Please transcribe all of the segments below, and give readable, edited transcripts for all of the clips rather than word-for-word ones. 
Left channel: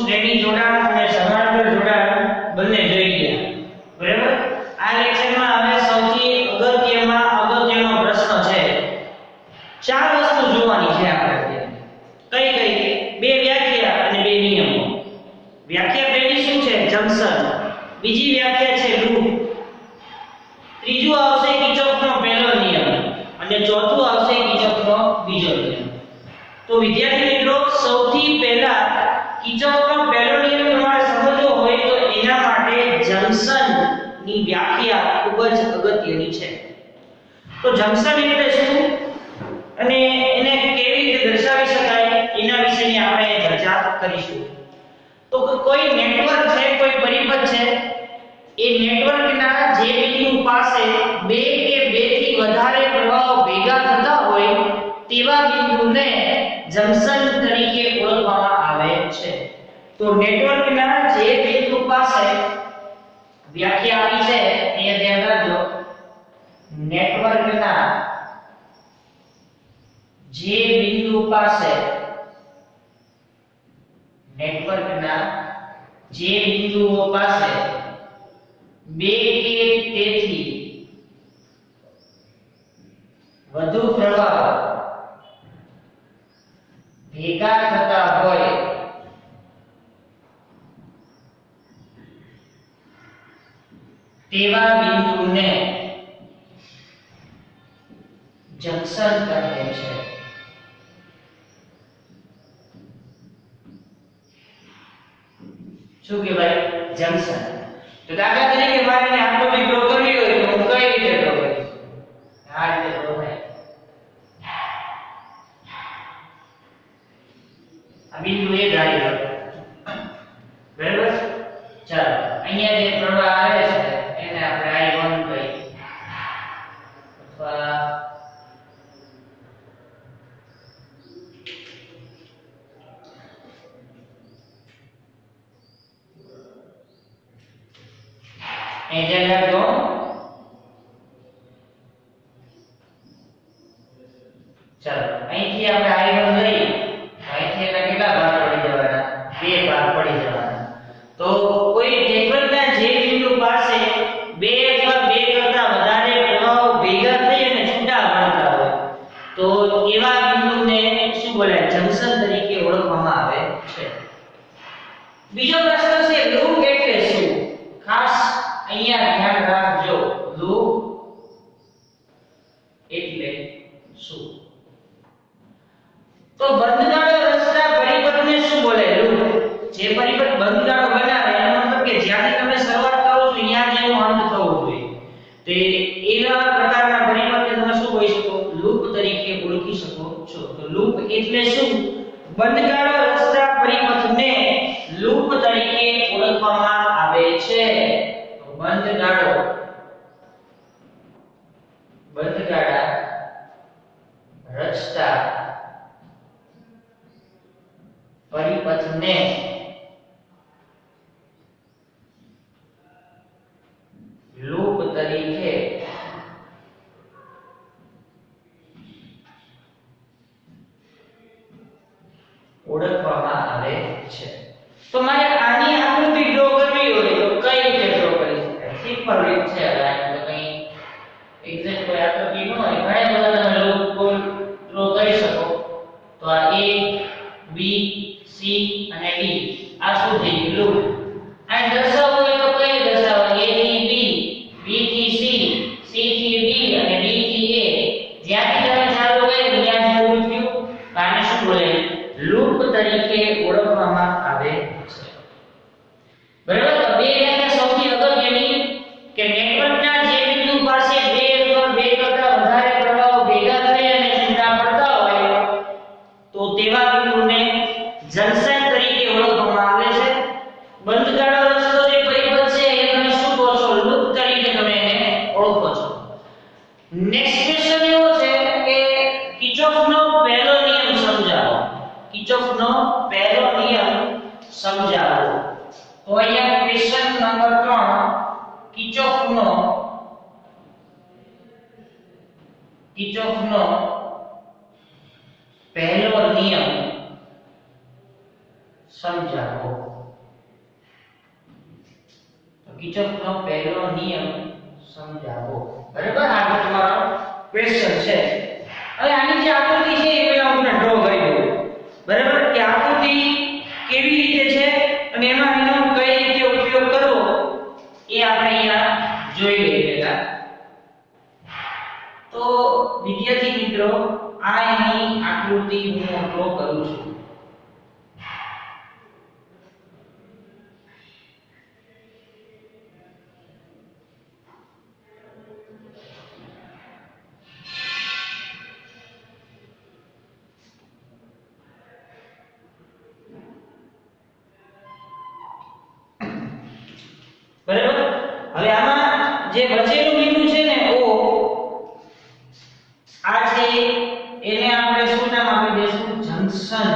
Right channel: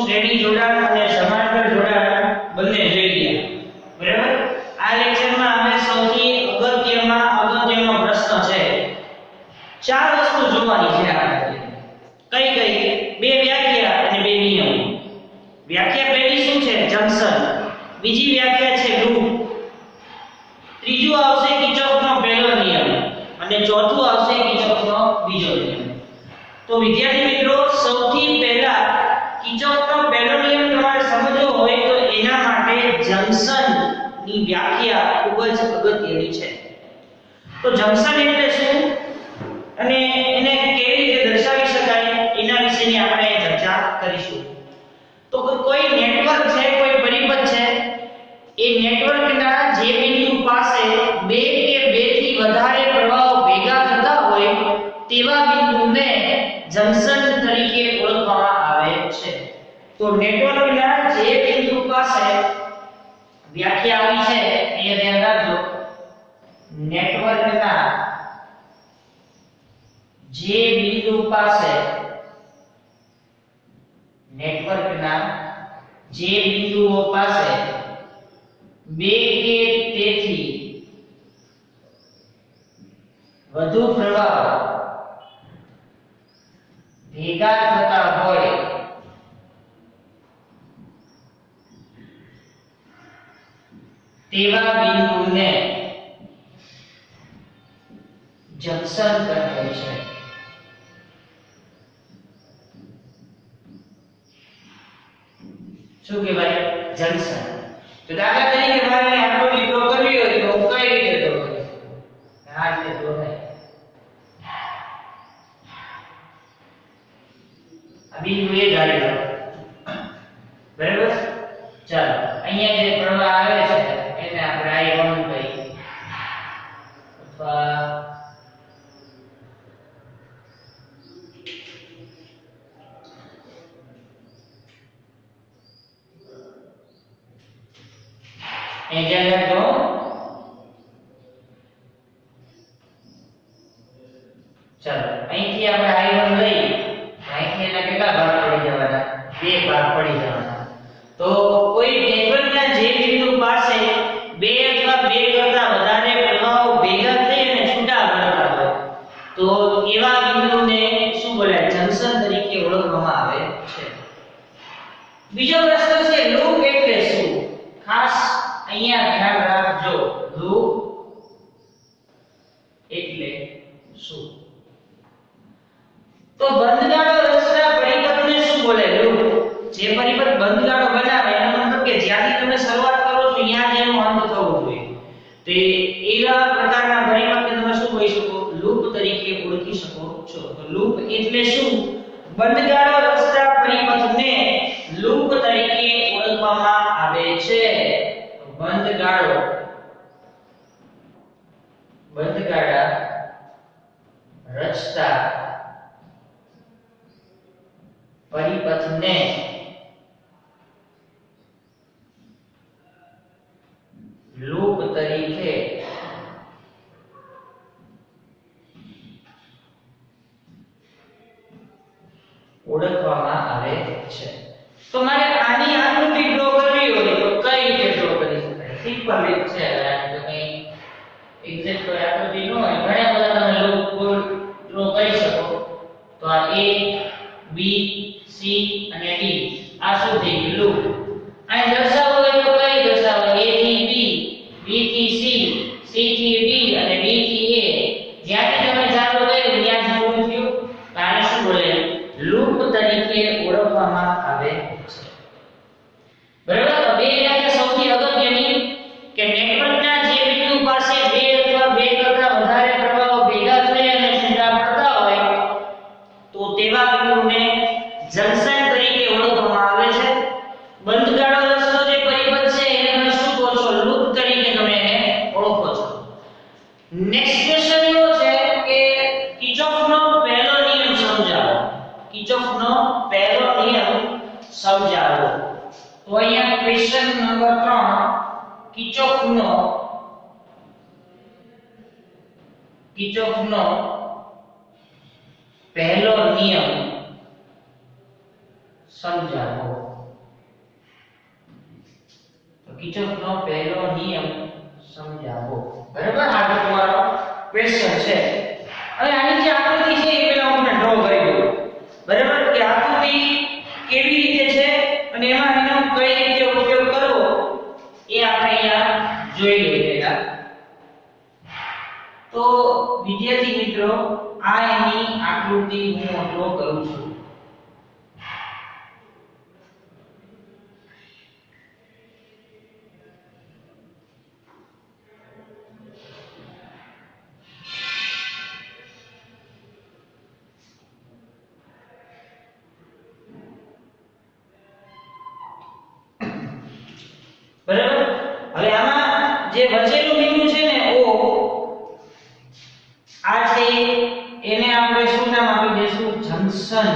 શ્રેણી જોડાણ અને સમાંતર જોડાણ બંને જોઈ ગયા બરાબર। આ લેક્ચરમાં હવે સૌથી અગત્યનો પ્રશ્ન છે, ચાર વસ્તુ જોવાની છે આપણે, કઈ કઈ? બે વ્યાખ્યા અને બે નિયમો। વ્યાખ્યા પહેલી શું છે? જંક્શન। બીજી વ્યાખ્યા છે લૂપ। ત્રીજું આવશે કિર્ચોફનો પહેલો નિયમ અને ચોથું આવશે કિર્ચોફનો બીજો નિયમ। તો વિદ્યાર્થી મિત્રો, સૌથી પહેલા કિર્ચોફનો પહેલો નિયમ તમારે સમજવો હોય તો એના માટે જંક્શન ની વ્યાખ્યા ખૂબ જ અગત્યની છે। તો જંક્શન એટલે શું અને એને કેવી રીતે દર્શાવી શકાય એના વિશેની આપણે ચર્ચા કરીશું। તો કોઈ નેટવર્ક છે, કોઈ પરિપથ છે, એ નેટવર્કના જે બિંદુ પાસે બે કે બેથી વધારે પ્રવાહો ભેગા થતા હોય તેવા બિંદુને જંક્શન તરીકે ઓળખવામાં આવે છે। તો નેટવર્કના જે બિંદુ પાસે વ્યાખ્યા આપી છે એ ધ્યાન રાખજો, નેટવર્કના જે બિંદુ પાસે બિંદુઓ પાસે બે કે તેથી વધુ પ્રવાહ ભેગા થતા હોય તેવા બિંદુને જંક્શન કહે છે। શું કહેવાય? જંક્શન। તો દાખલા તરીકે મારે આકૃતિ ડ્રો કરવી હોય તો હું કઈ રીતે ડ્રો કરીશ? આ રીતે ડ્રો થાય। આ બિંદુ એ ધારી લો, બરાબર? ચાલો, અહીંયા જે પ્રવાહ આવે છે એને આપણે I1 કહીએ અથવા એ ધ્યાન રાખજો। ચાલો, અહીંથી આપણે I1 લઈ, અહીંથી એના કેટલા ભાગ પડી જવાના? બે ભાગ પડી જવાના। તો કોઈ નેટવર્કના જે બિંદુ પાસે બે અથવા બે કરતા વધારે પ્રવાહો ભેગા થઈ અને છૂટા પડતા હોય તો એવા બિંદુને શું બોલાય? જંક્શન તરીકે ઓળખવામાં આવે છે। બીજો પ્રશ્ન છે, લૂપ એટલે શું? ખાસ અહીંયા ધ્યાન રાખજો, લૂપ એટલે શું? તો બંધગાળો રચતા પરિપથને શું બોલાય? લૂપ। જે પરિપથ બંધગાળો બનાવે એનો મતલબ કે જ્યાંથી તમે શરૂઆત કરો છો ત્યાં જેનો અંત થવો જોઈએ, તો એવા પ્રકારના પરિપથને તમે શું કહી શકો? લૂપ તરીકે ઓળખી શકો છો। તો લૂપ એટલે શું? બંધગાળો રચતા પરિપથને લૂપ તરીકે ઓળખવામાં આવે છે। બંધગાળા રચતા પરિપથને લૂપ તરીકે ઓળખવામાં આવે છે। તો મારે આની આકૃતિ ડ્રો કરવી હોય તો કઈ રીતે ડ્રો કરી શકાય? સિમ્પલ રીત છે। હવે આ તો કઈ એક્ઝેક્ટ કોઈ આકૃતિ ન હોય, ઘણા બધા તમે લૂપ ડ્રો કરી શકો। તો આ A, B, C અને D આ શું થઈ ગયું? લૂપ। અહીં દર્શાવવું હોય તો કઈ દર્શાવો? A થી B, B થી C, C થી D અને D થી A, જ્યાંથી તમે ચાલુ કર્યું ત્યાં જ પૂરું થયું। તો આને શું બોલાય? લૂપ તરીકે ઓળખવામાં આવે છે। બરાબર? તો બે વ્યાખ્યા સૌથી અગત્યની કે નેટવર્કના જે બિંદુ પાસે બે અથવા બે કરતા વધારે પ્રવાહો ભેગા થઈ અને છૂટા પડતા હોય તો તેવા બિંદુને જંક્શન તરીકે ઓળખવામાં આવે છે। બંધગાળો રચતો જે પરિપથ છે એને તમે શું કહો છો? લૂપ તરીકે તમે એને ઓળખો છો। નેક્સ્ટ ક્વેશ્ચન એવો છે કે કિર્ચોફનો પહેલો નિયમ સમજાવો। કિર્ચોફનો પહેલો નિયમ સમજાવો। તો અહીંયા ક્વેશ્ચન નંબર 3, કિર્ચોફનો પહેલો નિયમ સમજાવો. તો કિર્ચોફનો પહેલો નિયમ સમજાવો. બરાબર, આગળ તમારો ક્વેશ્ચન છે. હવે આની જે આકૃતિ છે એ પહેલા હું તમને ડ્રો કરી દઉં. બરાબર, કે આકૃતિ કેવી રીતે છે અને એમાં એનો કઈ રીતે ઉપયોગ કરવો એ આપણે અહીંયા જોઈ લઈએ પહેલા. તો વિદ્યાર્થી મિત્રો, આ એની આકૃતિ હું ડ્રો કરું છું. બરાબર, હવે આમાં જે વચ્ચેનું બિંદુ છે ને O, આ છે એને આપણે શું નામ આપી દઈશું? જંકશન.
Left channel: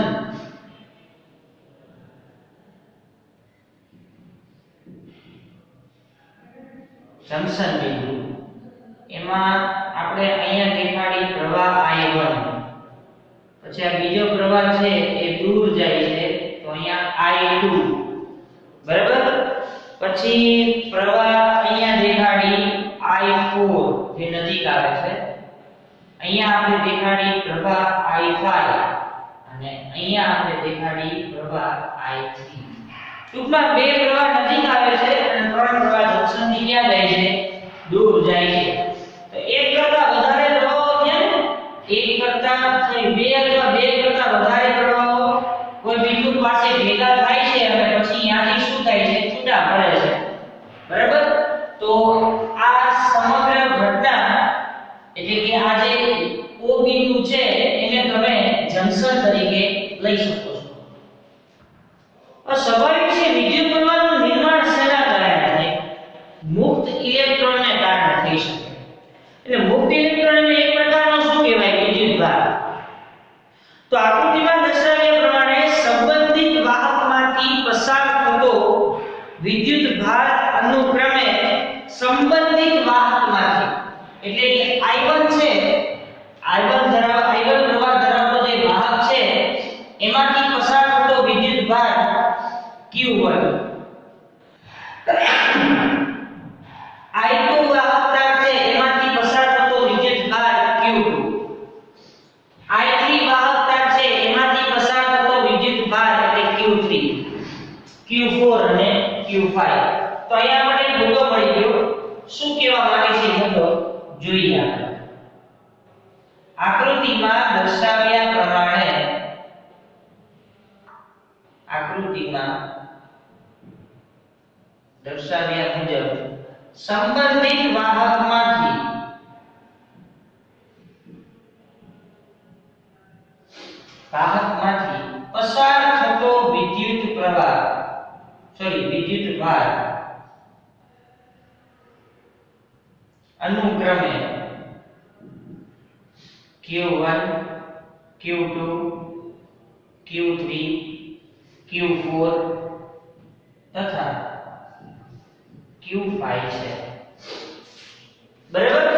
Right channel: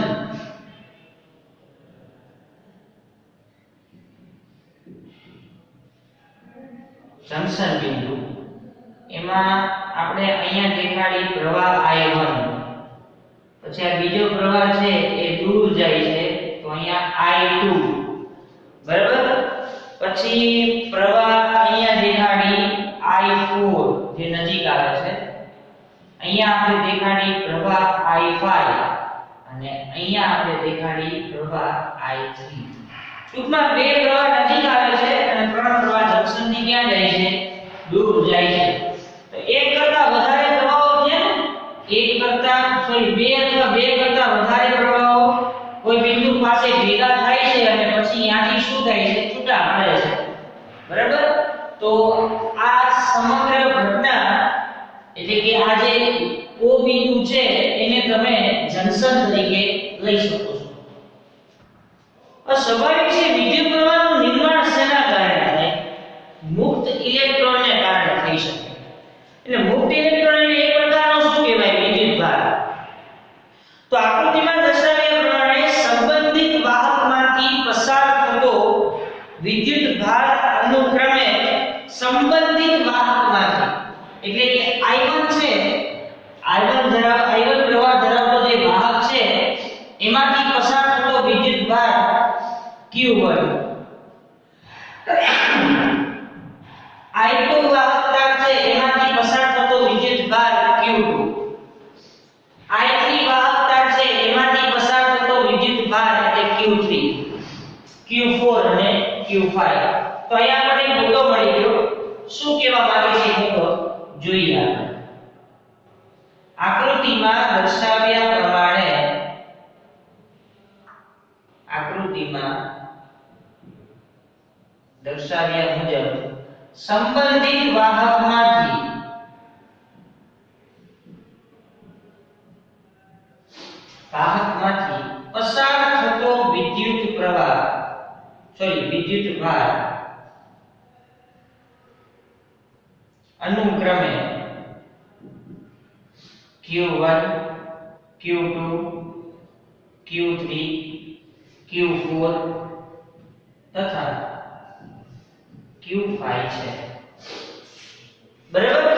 જંકશન બિંદુ. એમાં આપણે અહીંયા દેખાડી પ્રવાહ I1, પછી આ બીજો પ્રવાહ છે એ દૂર જાય છે તો અહીંયા I2. બરાબર, પછી પ્રવાહ અહીંયા દેખાડી I4 જે નજીક આવે છે. અહીંયા આપણે દેખાડી પ્રવાહ I5 અને અહીંયા આપણે દેખાડી પ્રવાહ I3. ટૂંકમાં બે પ્રવાહ નજીક આવે છે અને ત્રણ પ્રવાહ જંકશનથી ક્યાં જાય છે? દૂર જાય છે. તો એક કરતા વધારે પ્રવાહો છે ને, બે અથવા બે કરતા વધારે પ્રવાહો કોઈ બિંદુ પાસે ભેગા થાય છે અને પછી ત્યાંથી શું થાય છે? છૂટા પડે છે. બરાબર, તો આ સમગ્ર ઘટના એટલે કે આ જે O બિંદુ છે એને તમે જંકશન તરીકે લઈ શકો છો. સ્વાભાવિક છે, વિદ્યુત પ્રવાહનું નિર્માણ શેના કારણે થાય? મુક્ત ઇલેક્ટ્રોનને કારણે થઈ શકે. એટલે મુક્ત ઇલેક્ટ્રોન એટલે એક પ્રકારનો શું કહેવાય? વિદ્યુત ભાર. તો આકૃતિમાં દર્શાવ્યા પ્રમાણે સંબંધિત વાહકમાંથી પસાર થતો વિદ્યુત ભાર અનુક્રમે સંબંધિત વાહકમાંથી એટલે કે I1 છે, I1 પ્રવાહ ધરાવતો જે વાહક છે એમાંથી પસાર થતો વિદ્યુત ભાર Q1, I2 વાહકતા છે એમાંથી પસાર થતો વિદ્યુત ભાર Q2, I3 વાહકતા છે એમાંથી પસાર થતો વિદ્યુત ભાર એટલે Q3, Q4 અને Q5. તો અહીંયા આપણે મુદ્દો મળી ગયો. શું કહેવા માંગે છે મુદ્દો જોઈએ આપણે. આકૃતિમાં દર્શાવ્યા પ્રમાણે મુજબ સંબંધિત વાહકમાંથી પસાર થતો વિદ્યુત ભાર અનુક્રમે Q1, Q2, Q3, Q4 તથા Q5 છે. બરાબર,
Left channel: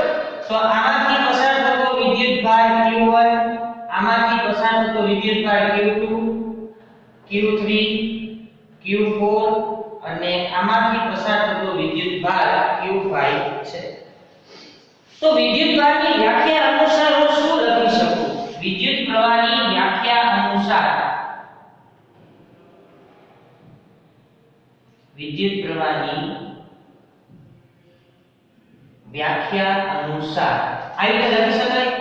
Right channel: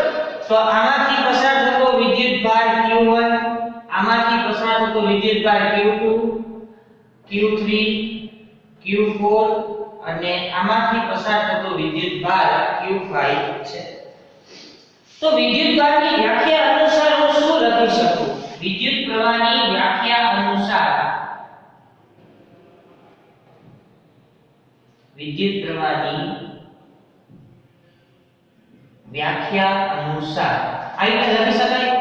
તો આમાંથી પસાર થતો વિદ્યુત ભાર Q1, આમાંથી પસાર થતો વિદ્યુત ભાર Q2, Q3, Q4 અને આમાંથી પસાર થતો વિદ્યુત ભાર Q5 છે. તો વિદ્યુત ભારની વ્યાખ્યા અનુસાર હું શું લખી શકું? વિદ્યુત પ્રવાહની વ્યાખ્યા અનુસાર આ રીતે લખી શકાય.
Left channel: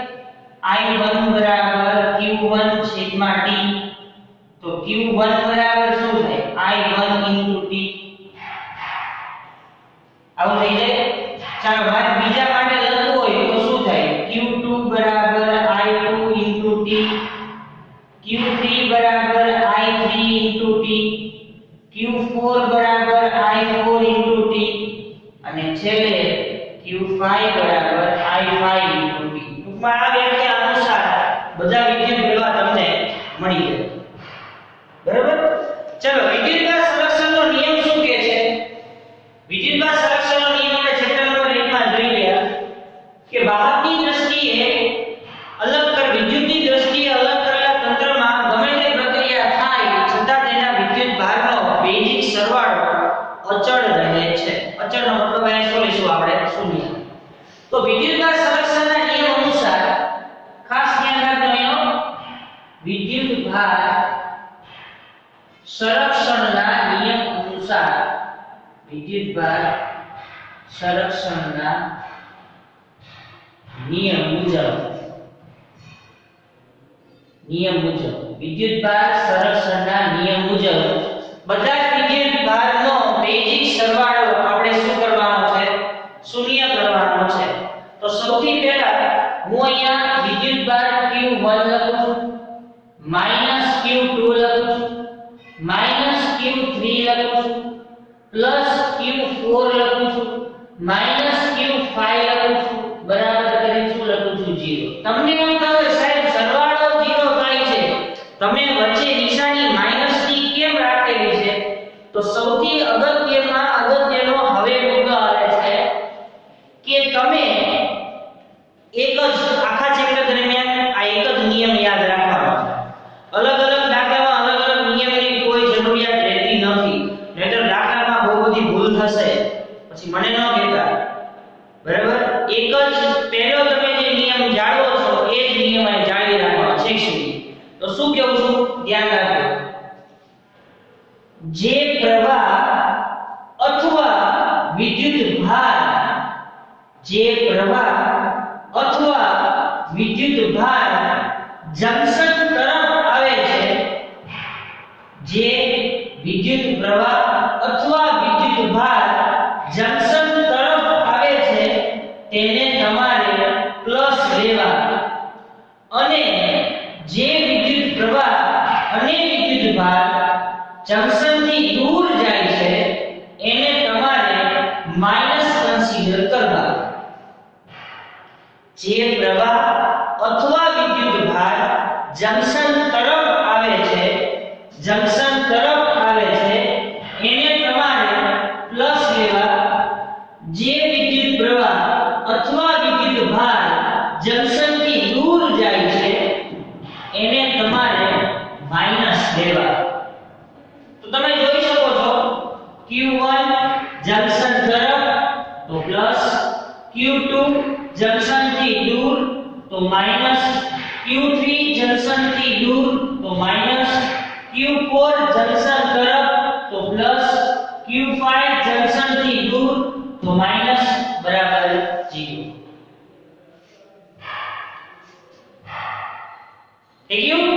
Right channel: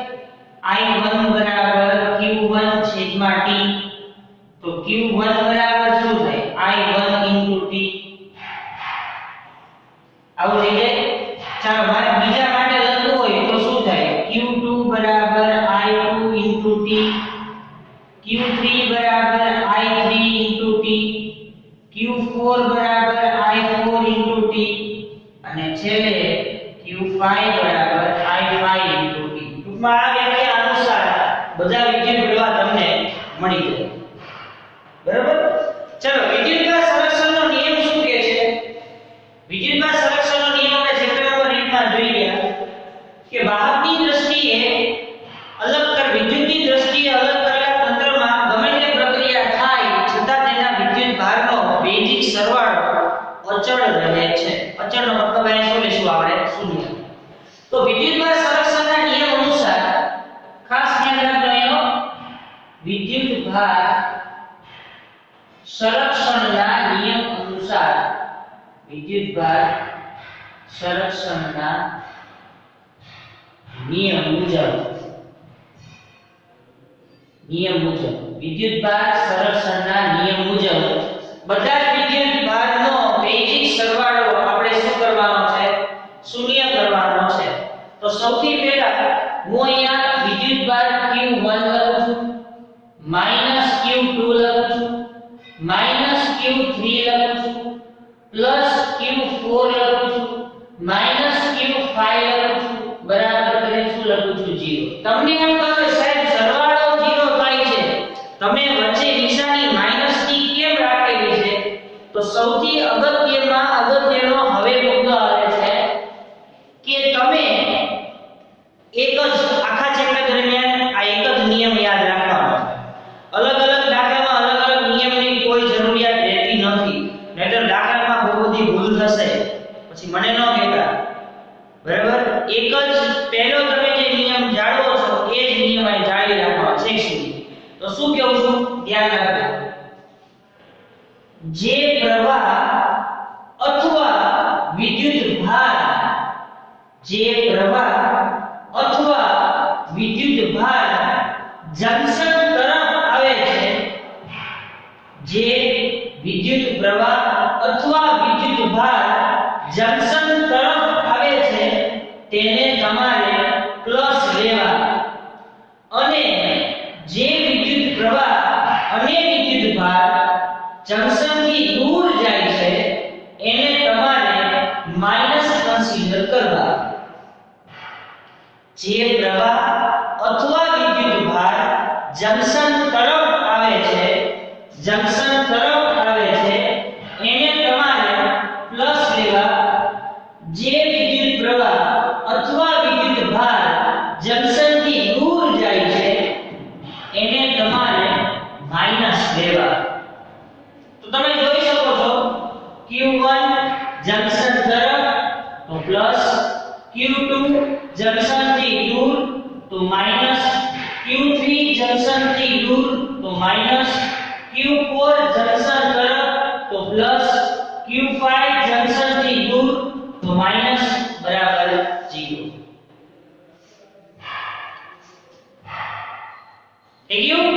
I1 બરાબર Q1 છેદમાં T. તો Q1 બરાબર શું થાય? I1 * T. આવું થઈ જાય. ચાલો વાત બીજા માટે લખવું હોય તો શું થાય? Q2 બરાબર I2 * T, Q3 બરાબર I3 * T, Q4 બરાબર I4 * T અને છેલ્લે Q5 બરાબર I5 * T. ટૂંકમાં આ વ્યાખ્યા અનુસાર બધા વિદ્યુત પ્રવાહ તમને મળી જાય. બરાબર, ચલો વિદ્યુતભાર સંરક્ષણનો નિયમ શું કહે છે? વિદ્યુતભાર સંરક્ષણનો નિયમ આપણે ચેપ્ટર નંબર 1 માં જોઈ ગયા કે વાહકની દ્રષ્ટિએ વિદ્યુતની દ્રષ્ટિએ અલગ કરેલા તંત્રમાં ગમે તે પ્રક્રિયા થાય છતાં તેના વિદ્યુત ભારનો બેઝિક સરવાળો અચળ રહે છે. અચળનો મતલબ અહીં શું લેશું આપણે? શૂન્ય. તો વિદ્યુતભાર સંરક્ષણના નિયમ અનુસાર ખાસ ધ્યાન રાખજો એનો વિદ્યુતભાર સંરક્ષણના નિયમ અનુસાર વિદ્યુતભાર સંરક્ષણના નિયમ મુજબ વિદ્યુતભાર સંરક્ષણના નિયમ મુજબ બધા જ વિદ્યુતભારનો બેઝિક સરવાળો આપણે શું કરવાનો છે? શૂન્ય કરવાનો છે. તો સૌથી પહેલા હું અહીંયા વિદ્યુતભાર Q1 લખું છું, -Q2 લખું છું, -Q3 લખું છું, +Q4 લખું છું, -Q5 લખું છું, બરાબર કરીને શું લખું છું? 0. તમને એમ કહે સાહેબ સરવાળો 0 થાય છે, તમે વચ્ચે નિશાની માઈનસની કેમ રાખેલી છે? તો સૌથી અગત્યનો હવે મુદ્દો આવે છે કે તમે એક જ આખા ચેપ્ટર દરમિયાન આ એક જ નિયમ યાદ રાખવાનો છે. અલગ અલગ દાખલામાં અલગ અલગ નિયમની કોઈ જરૂરિયાત રહેતી નથી, નહીતર દાખલામાં બહુ બધી ભૂલ થશે, પછી મને ન કહેતા. બરાબર? એક જ પહેલો તમે જે નિયમ જાળવો છો એ જ નિયમ અહીં જાળવી રાખવાનો છેક સુધી. તો શું કહું છું? ધ્યાન રાખજો. જે પ્રવાહ અથવા વિદ્યુતભાર જંકશન તરફ આવે છે, જે વિદ્યુત પ્રવાહ અથવા વિદ્યુતભાર જંકશન તરફ આવે છે તેને તમારે પ્લસ લેવા, અને જે વિદ્યુત પ્રવાહ અને વિદ્યુતભાર જંકશનથી દૂર જાય છે એને તમારે માઈનસ કન્સિડર કરવા. જે પ્રવાહ અથવા વિદ્યુતભાર જંકશન તરફ આવે છે એને તમારે પ્લસ લેવા. જે વિદ્યુત પ્રવાહ અથવા વિદ્યુતભાર જંકશનથી દૂર જાય છે એને તમારે માઈનસ લેવા. તો તમે જોઈ શકો છો Q1 જંકશન તરફ તો પ્લસ, Q2 જંકશનથી દૂર તો માઈનસ, Q3 જંકશનથી દૂર તો માઈનસ, Q4 જંકશન તરફ તો પ્લસ, Q5 જંકશનથી દૂર તો માઈનસ, બરાબર 0. થઈ ગયું?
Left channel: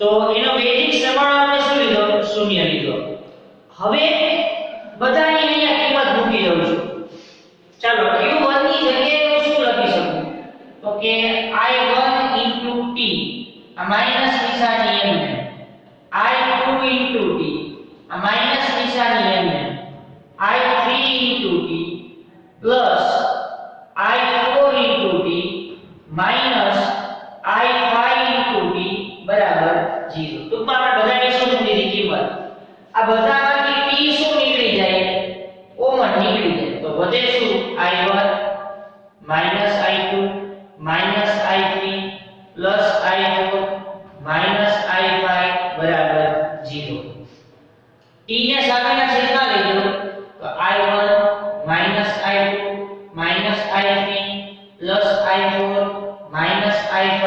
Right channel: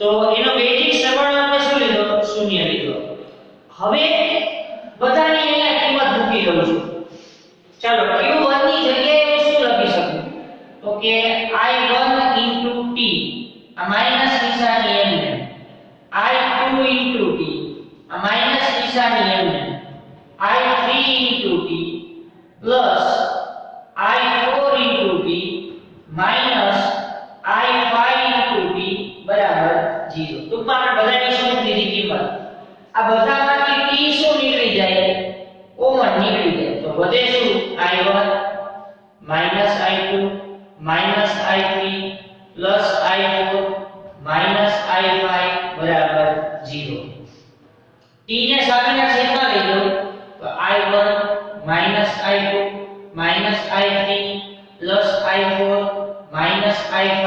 તો એનો બેઝિક સરવાળો આપણે શું લીધો? શૂન્ય લીધો. હવે બધાની અહીંયા કિંમત મૂકી દઉં છું. ચાલો Q1 ની જગ્યાએ હું શું લખી શકું? તો કે I1 * T, આ માઈનસ નિશાની n ને, I2 * T, આ માઈનસ નિશાની n ને, I3 * T plus I4 * T minus I5 * T બરાબર 0. ટૂંકમાં આપણે બધાની શું લીધી કિંમત? આ બધામાંથી T શું નીકળી જાય? કોમન નીકળી જાય. તો વધે શું? I1 I2 I3 I4 I5 બરાબર 0. T ને સામેના છેદમાં લઈ લો તો I1 I2 I3 I4 I5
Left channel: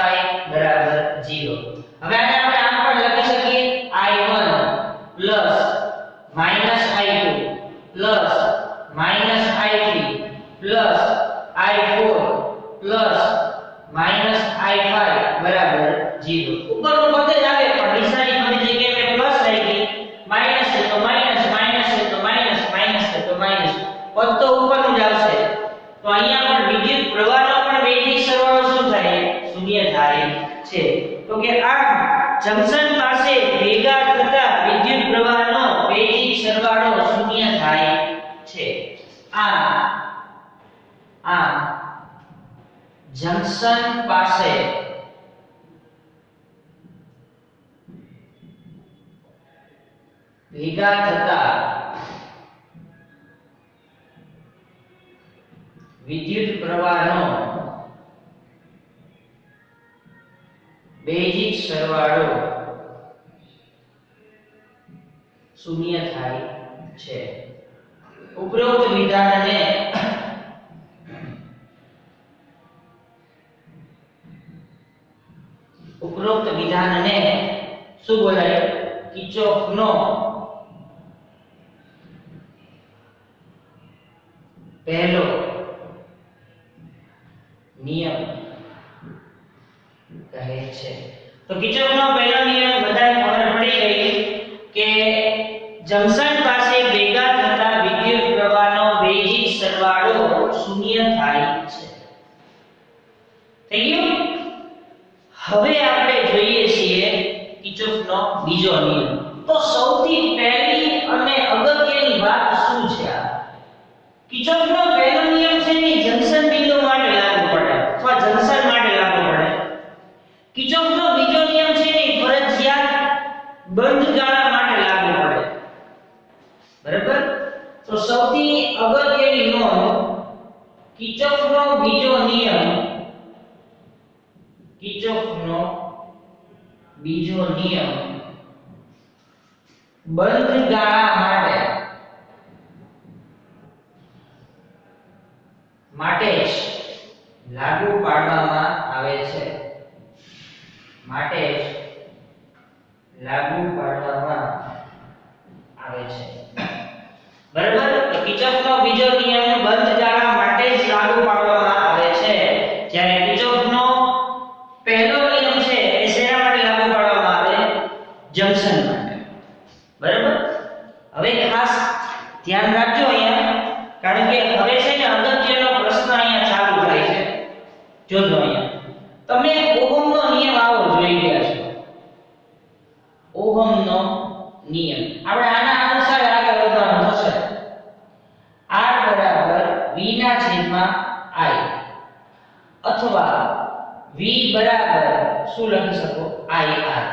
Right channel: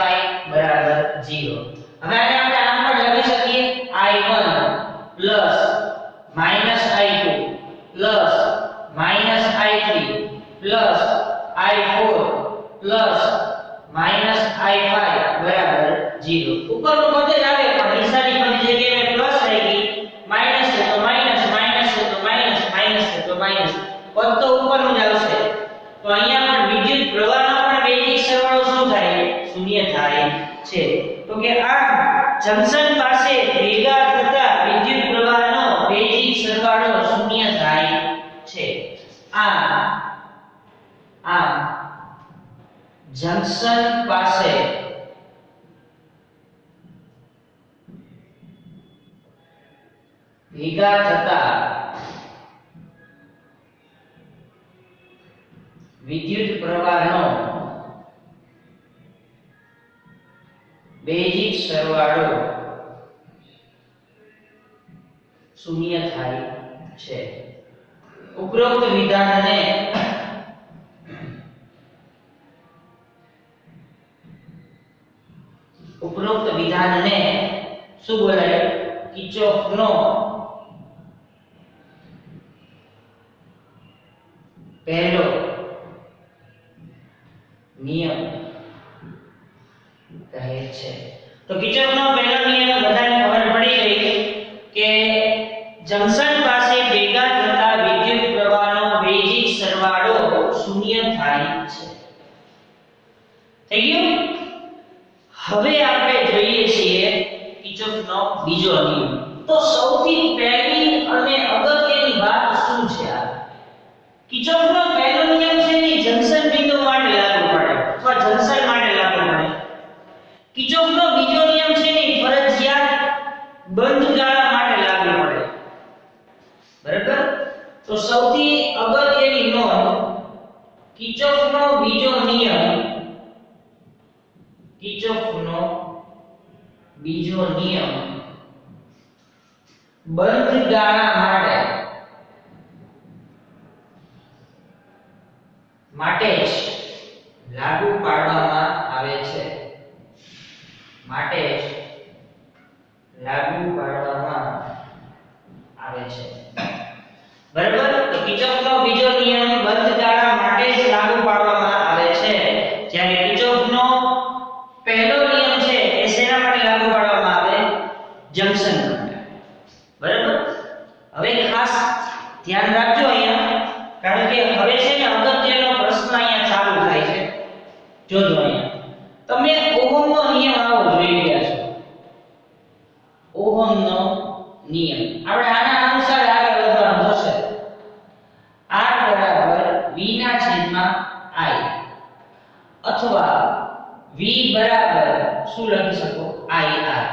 બરાબર 0. હવે આને આપણે આમ પણ લખી શકીએ I1 I2 I3 I4 I5 બરાબર 0. ઉપરનું પદ જ આવે પણ નિશાની બધી જગ્યાએ મેં પ્લસ રાખી, માઈનસ છે તો માઈનસ, માઈનસ છે તો માઈનસ, માઈનસ છે તો માઈનસ, પદ તો ઉપરનું જ આવશે. તો અહીંયા પણ વિદ્યુત પ્રવાહનો પણ બેઝિક સરવાળો શું થાય? શૂન્ય થાય છે. તો કે આ જંકશન પાસે ભેગા થતા વિદ્યુત પ્રવાહનો બેઝિક સરવાળો શૂન્ય થાય છે. આ જંકશન પાસે ભેગા થતા વિદ્યુત પ્રવાહનો બેઝિક સરવાળો શૂન્ય થાય છે. ઉપરોક્ત વિધાનને શું બોલાય? કિર્ચોફનો પહેલો નિયમ કહે છે. તો કિર્ચોફનો પહેલો નિયમ બધાને ખબર પડી ગઈ કે જંકશન પાસે ભેગા થતા વિદ્યુત પ્રવાહનો બેઝિક સરવાળો શૂન્ય થાય છે. થઈ ગયું? હવે આપણે જોઈએ છીએ કિર્ચોફનો બીજો નિયમ. તો સૌથી પહેલી અને અગત્યની વાત શું છે? આ કિર્ચોફનો પહેલો નિયમ છે ને જંકશન બિંદુ માટે લાગુ પડે અથવા જંકશન માટે લાગુ પડે. કિર્ચોફનો બીજો નિયમ છે ને ફરજિયાત બંધ ગાળા માટે લાગુ પડે. બરાબર? તો સૌથી અગત્યની નોંધ, કિર્ચોફનો બીજો નિયમ બંધ ગાળા માટે જ લાગુ પાડવામાં આવે છે. બરાબર? તો કિર્ચોફનો બીજો નિયમ બંધ ગાળા માટે જ લાગુ પાડવામાં આવે છે, જ્યારે કિર્ચોફનો પહેલો નિયમ છે એ શેના માટે લાગુ પાડવામાં આવે? જંકશન માટે. બરાબર? હવે ખાસ ધ્યાન રાખજો અહીંયા, કારણ કે હવે છે ને અગત્યનો પ્રશ્ન અહીંયા ચાલુ થાય છે. જોજો અહીંયા તમને ઓહમનો નિયમ આવો જોઈ રહ્યા છો. ઓહમનો નિયમ આપણે આના અનુસાર આગળ વધવાનું થશે. R બરાબર V ના છેદમાં I, અથવા V બરાબર શું લખી શકો? IR.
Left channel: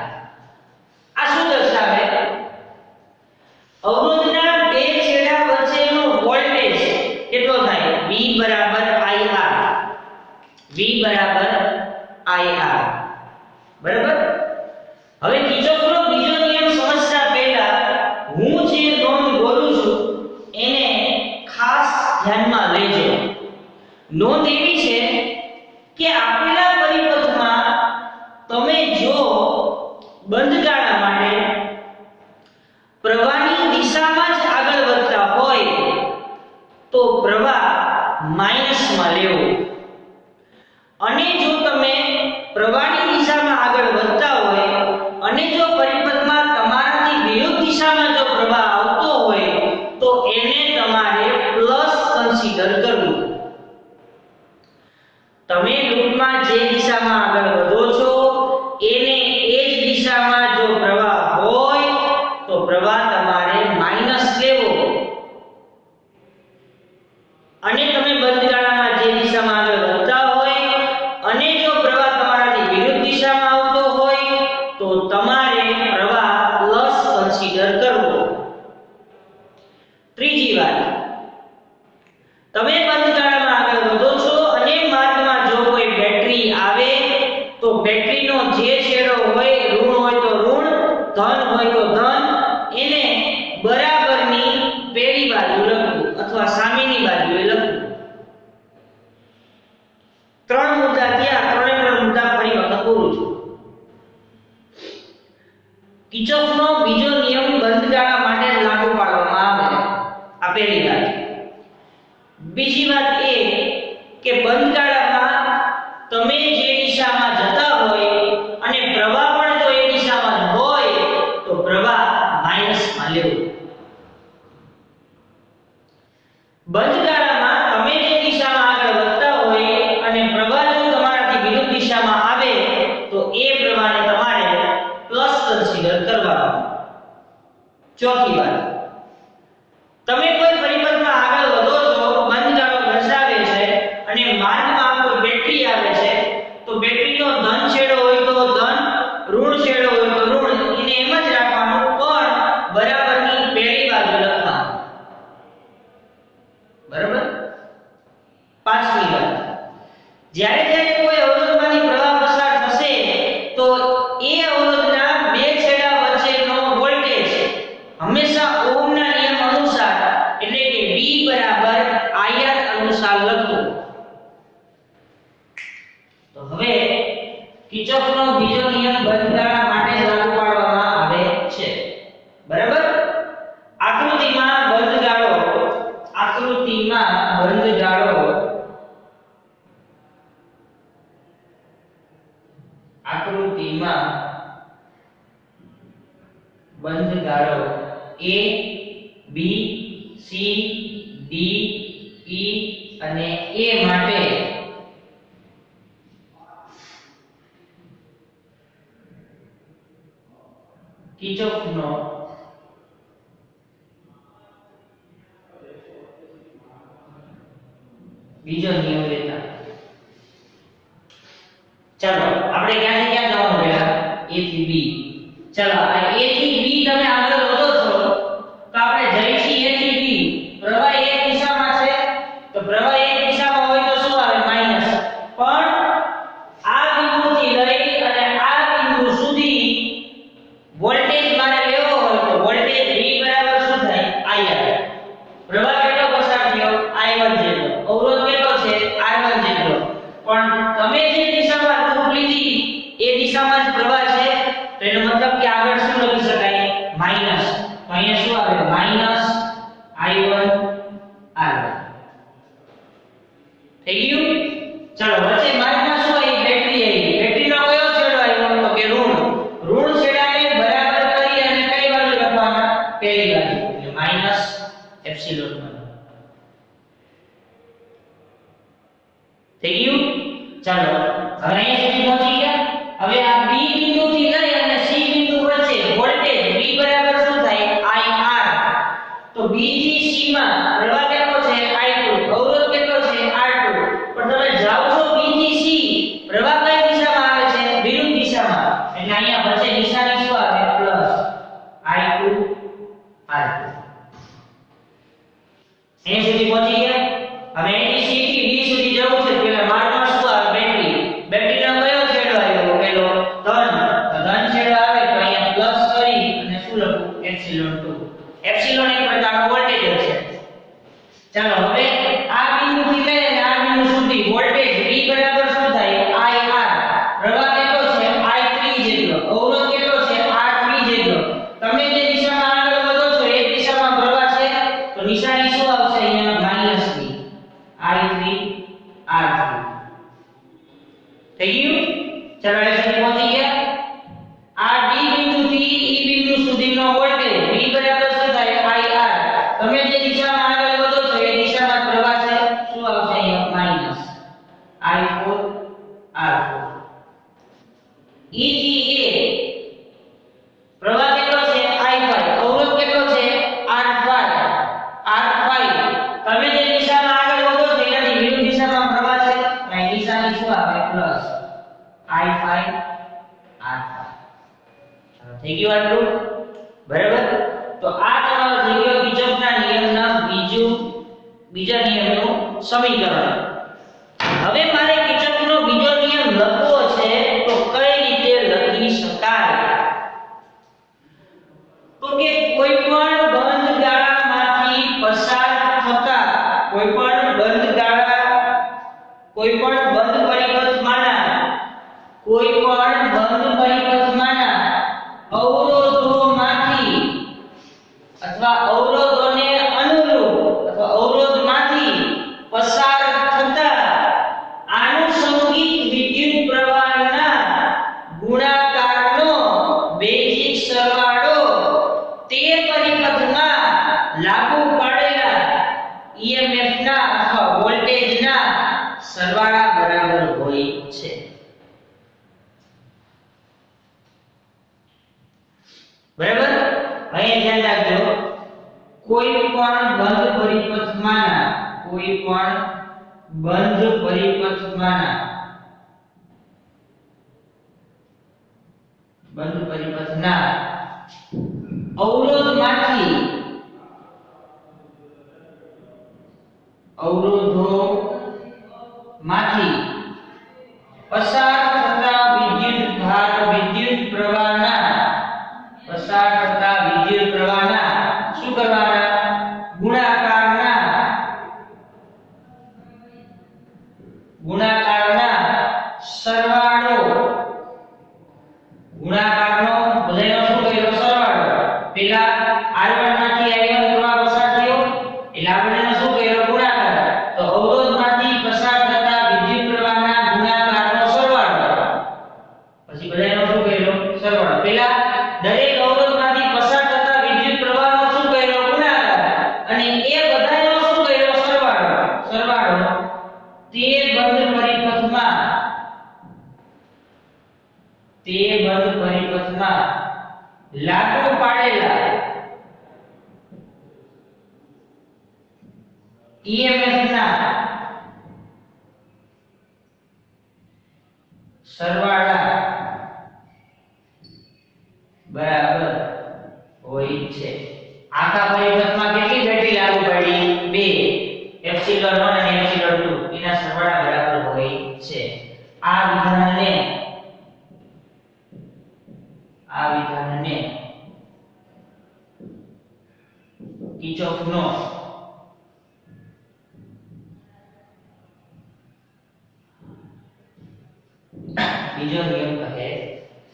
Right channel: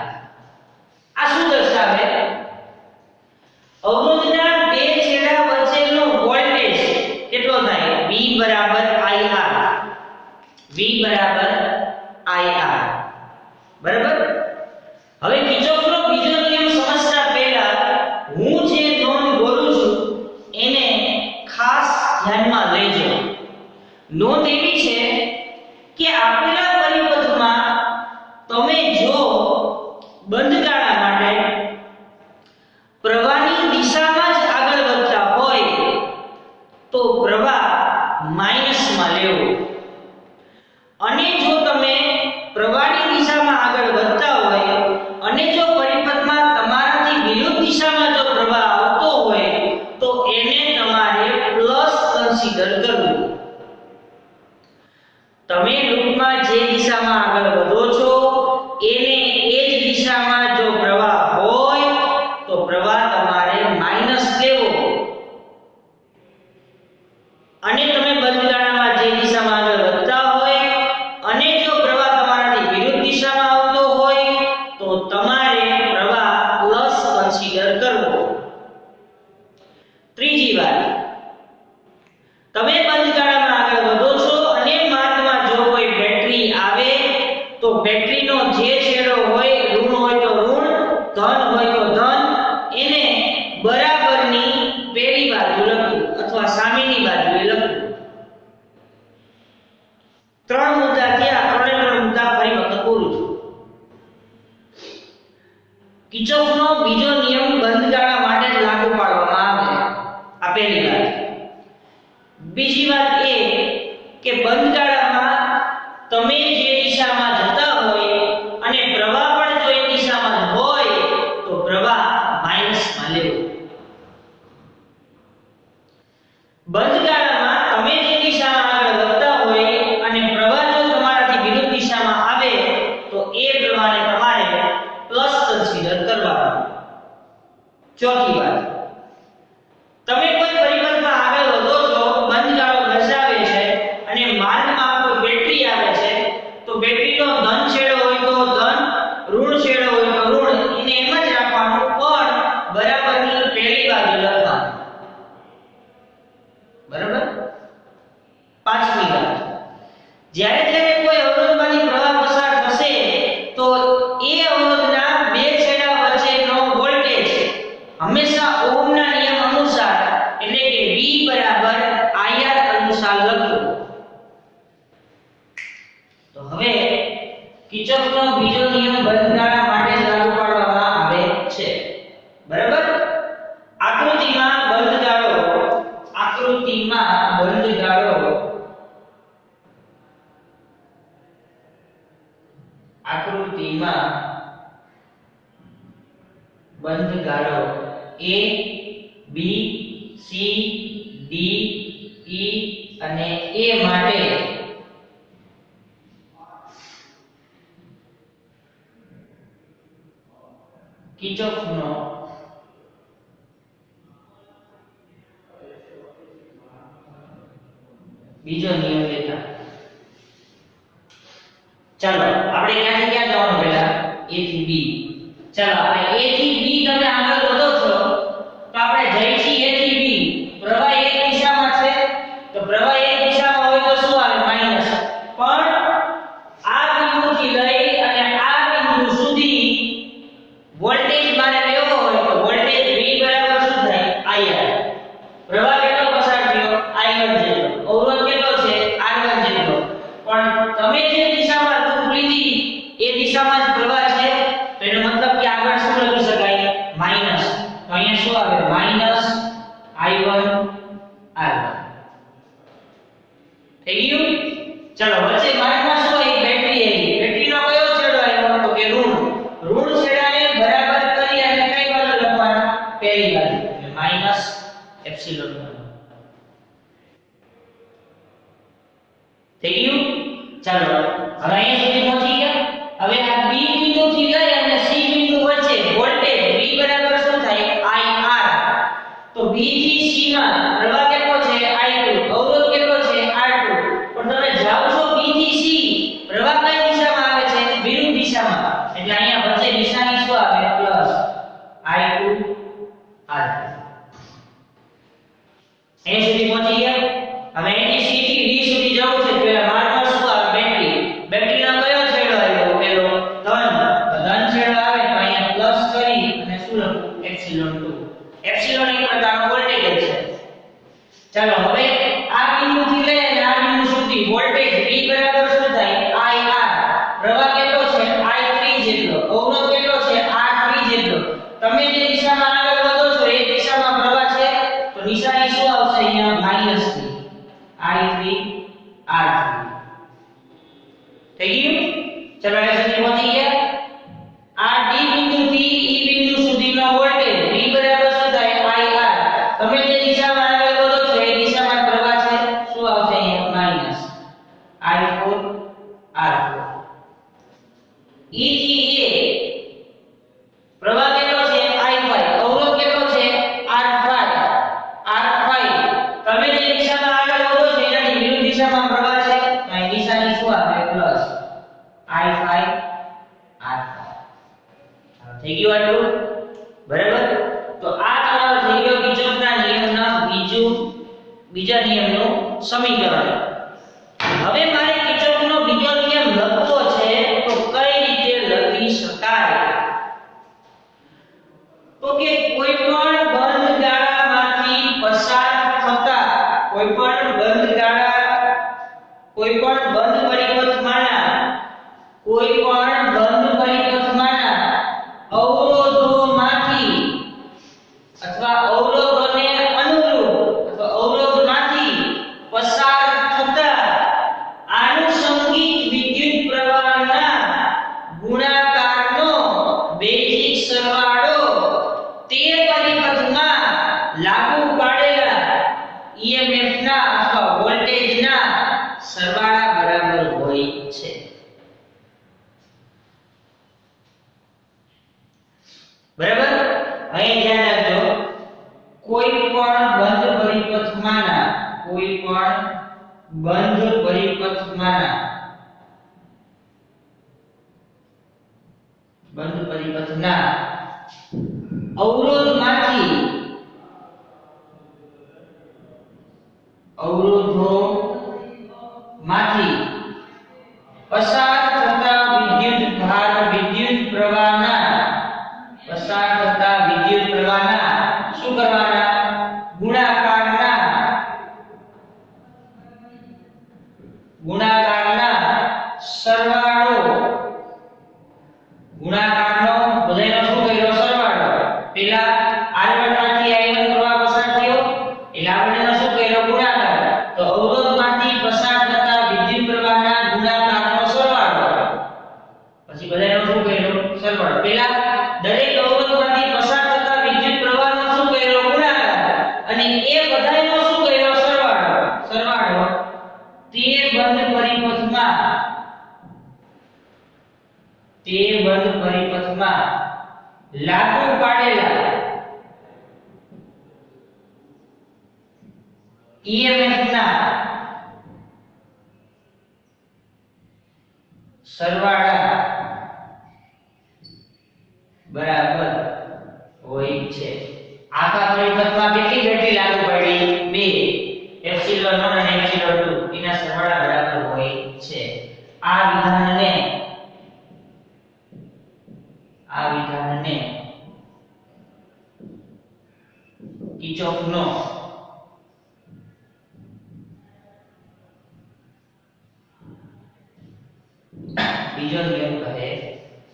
આ શું દર્શાવે? અવરોધના બે છેડા વચ્ચેનો વોલ્ટેજ કેટલો થાય? V બરાબર IR. બરાબર? હવે કિર્ચોફનો બીજો નિયમ સમજતા પહેલા હું જે નોંધ બોલું છું એને ખાસ ધ્યાનમાં લેજો. નોંધ એવી છે કે આપેલા પરિપથમાં તમે જો બંધ ગાળા માટે પ્રવાહની દિશામાં જ આગળ વધતા હોય તો પ્રવાહ માઈનસમાં લેવો, અને જો તમે પ્રવાહની દિશામાં આગળ વધતા હોય અને જો પરિપથમાં તમારાથી વિરુદ્ધ દિશામાં જો પ્રવાહ આવતો હોય તો એને તમારે પ્લસ કન્સિડર કરવું. તમે લૂપમાં જે દિશામાં આગળ વધો છો એને એ જ દિશામાં જો પ્રવાહ હોય તો પ્રવાહ તમારે માઈનસ લેવો, અને તમે બંધ ગાળામાં જે દિશામાં આગળ વધતા હોય અને જો પ્રવાહ તમારાથી વિરુદ્ધ દિશામાં આવતો હોય તો તમારે પ્રવાહ પ્લસ કન્સિડર કરવો. ત્રીજી વાત, તમે બંધ ગાળામાં આગળ વધો છો અને માર્ગમાં જો કોઈ બેટરી આવે તો બેટરીનો જે છેડો હોય, ઋણ હોય તો ઋણ, ધન હોય તો ધન, એને બરાબરની પેલી બાજુ લખવું અથવા સામેની બાજુએ લખવું. ત્રણ મુદ્દા થયા. ત્રણ મુદ્દા ફરી વખત બોલું છું. કિર્ચોફનો બીજો નિયમ બંધ ગાળા માટે જ લાગુ પાડવામાં આવે છે. આ પહેલી વાત. બીજી વાત એ કે બંધ ગાળામાં તમે જે દિશામાં જતા હોય અને પ્રવાહ પણ જો એ દિશામાં હોય તો પ્રવાહ માઈનસમાં લેવો. બંધ ગાળામાં તમે જે દિશામાં આગળ વધતા હોય અને પ્રવાહ જો તમારાથી વિરુદ્ધ દિશામાં આવે તો એ પ્રવાહને તમારે પ્લસ કન્સિડર કરવાનો. ચોથી વાત, તમે કોઈ પરિપથમાં આગળ વધો છો, બંધ ગાળો દર્શાવે છે અને માર્ગમાં કોઈ બેટરી આવે છે તો બેટરીનો ધન છેડો હોય તો ધન, ઋણ છેડો હોય તો ઋણ, એને એમ જ રાખવાનું, પણ બરાબરની પહેલી બાજુ લખવાનું. બરાબર? પાંચમી વાત, જ્યારે કોઈ અવરોધમાંથી પ્રવાહ પસાર થશે તો એ અવરોધના બે છેડા વચ્ચેનો વોલ્ટેજ હંમેશા ઓહમના નિયમ અનુસાર એટલે કે V બરાબર IR અનુસાર લખવું. તો હવે કિર્ચોફનો બીજો નિયમ બંધગાળા માટે લાગુ પાડવામાં આવે છે. બરાબર? આકૃતિમાં બંધગાળો A B C D E અને A માટે કિર્ચોફનો બીજો નિયમ લેતા. ચાલો આપણે ક્યાંથી ક્યાં જવાનું પહેલા? A થી B. ચાલો આ A થી B તમે આગળ વધો છો તો આપણે જઈ છીએ A થી B. પ્રવાહ એક દિશામાં છે તો પ્રવાહ એક દિશામાં હોય તો શું આવે? માઈનસ. પણ આ બિંદુથી લઈ અને આ બિંદુ સુધી વોલ્ટેજ મારે લેવો હોય તો વોલ્ટેજ V બરાબર શું થાય? IR. પ્રવાહ કેટલો પસાર થયો? I1 જેટલો. અવરોધ કેટલો છે? R1 જેટલો. પણ તમે જે દિશામાં લૂપ લીધી એ દિશામાં જ પ્રવાહ છે તો એનો મતલબ કે આગળ શું લખી શકાય? માઈનસ. તો અહીંયા શું આવે? Minus I1 R1. થઈ ગયું? ચલો વચ્ચે માર્ગમાં શું આવી? બેટરી આવી. બેટરીનો કયો છેડો આવ્યો? તો કે ઋણ. ઋણ છેડાને બરાબર કરી અને કઈ બાજુ લખવાના? પહેલી બાજુ. એટલે માઈનસ એપ્સિલોન 1. થઈ ગયું? ચાલો હવે અહીંયા સુધી પહોંચી ગયા. હવે આ B બિંદુથી લઈ અને C બિંદુ વચ્ચે વોલ્ટેજ V બરાબર શું થાય? IR. તો B થી C માં પ્રવાહ કેટલો છે? I2. અવરોધ કેટલો છે? R2. પણ તમે જાઓ છો B થી C, પ્રવાહ કઈ દિશામાં આવે છે? વિરુદ્ધ દિશામાં. એટલે અહીંયા વચ્ચે નિશાની શું આવે? Plus I2 R2. અહીં સુધી પહોંચી ગયા. હવે અહીંથી C થી D સુધી જવું છે. પહેલા માર્ગમાં શું આવે? બેટરી. બેટરીનો કયો છેડો આવ્યો? પેલો ધન. તો ધન છેડો આવે તો અહીંયા પ્લસ કરી અને શું લખું? એપ્સિલોન 2. એપ્સિલોન એક પ્રકારનો વોલ્ટેજ છે. ચાલો હવે આ બિંદુથી લઈ અને આ બિંદુ સુધી વોલ્ટેજ V બરાબર શું થાય? IR. પ્રવાહ કેટલો છે? I3 જેટલો. અવરોધ કેટલો છે? R3 જેટલો. તમે જે દિશામાં આગળ વધો છો એ દિશામાં પ્રવાહ છે તો નિશાની શું આવશે? અહીંયા માઈનસ ની. I3 R3. થઈ ગયું? ચલો અહીં સુધી પહોંચી ગયા. આ D બિંદુથી E બિંદુ સુધીનો વોલ્ટેજ V બરાબર શું થાય? IR. તમે જે દિશામાં આગળ વધો છો એ દિશામાં પ્રવાહ છે. શું આવશે? અહીંયા માઈનસ I4 R4. E થી A પ્રવાહ કેટલો છે? I5. અવરોધ કેટલો છે? R5. તમે જે દિશામાં આગળ વધો છો એનાથી વિરુદ્ધ દિશામાં પ્રવાહ છે. અહીં નિશાની શું આવે? Plus I5 R5. થઈ ગયું આટલું? બરાબર? તો આ તમારો થઈ ગયો કિર્ચોફના નિયમના બીજા નિયમનું સમીકરણ. હવે મારે કિર્ચોફનો બીજો નિયમ લખવો છે તો કઈ રીતે લખી શકાય? તો કે કોઈ પણ બંધ ગાળામાંથી પસાર થતા કોઈ પણ બંધ પરિપથમાંના અવરોધોમાંથી અથવા અવરોધોને અનુરૂપ અથવા અવરોધમાંથી પસાર થતા આનુષંગિક વિદ્યુત પ્રવાહના ગુણાકારનો બેઝિક સરવાળો તે પરિપથમાં લાગુ પાડેલા EMF ના અથવા વોલ્ટેજના સરવાળા બરાબર હોય છે. બરાબર? અહીં ધ્યાન રાખજો. કોઈ પણ બંધ પરિપથના અવરોધોમાંથી પસાર થતા વિદ્યુત પ્રવાહના અને એ બધાયનો શું કર્યો સરવાળો તે બંધ પરિપથમાં લાગુ પાડેલા EMF ના સરવાળા બરાબર હોય છે. આખા પરિપથમાં કેટલી બેટરી લાગુ પડી? 2 એપ્સિલોન 1 અને એપ્સિલોન 2 એના સરવાળા બરાબર હોય છે. આ વિધાનને કિર્ચોફનો બીજો નિયમ કહે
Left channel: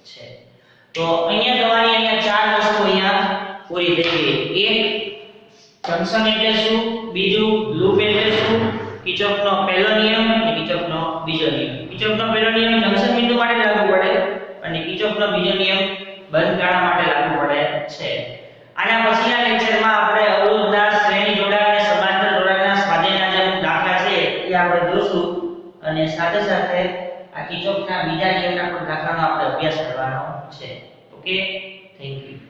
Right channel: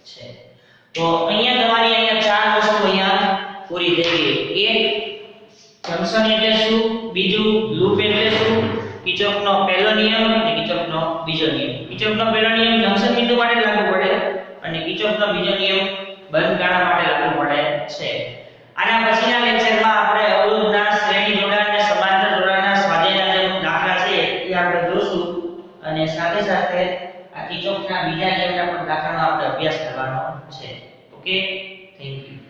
છે. તો અહીંયા ચાર વસ્તુ અહીંયા પૂરી થઈ ગઈ. એક જંકશન એટલે શું, બીજું લૂપ એટલે શું, કિર્ચોફનો પહેલો નિયમ અને કિર્ચોફનો બીજો નિયમ. કિર્ચોફનો પહેલો નિયમ જંકશન બિંદુ માટે લાગુ પડે અને કિર્ચોફનો બીજો નિયમ બંધ ગાળા માટે લાગુ પડે છે. આના પછીના લેક્ચરમાં આપણે અવરોધના શ્રેણી જોડાણ અને સમાંતર જોડાણના સ્વાધ્યાયના જે દાખલા છે એ આપણે જોશું અને સાથે સાથે આ કિર્ચોફના બીજા નિયમના પણ દાખલાનો આપણે અભ્યાસ કરવાનો છે. Okay, thank you.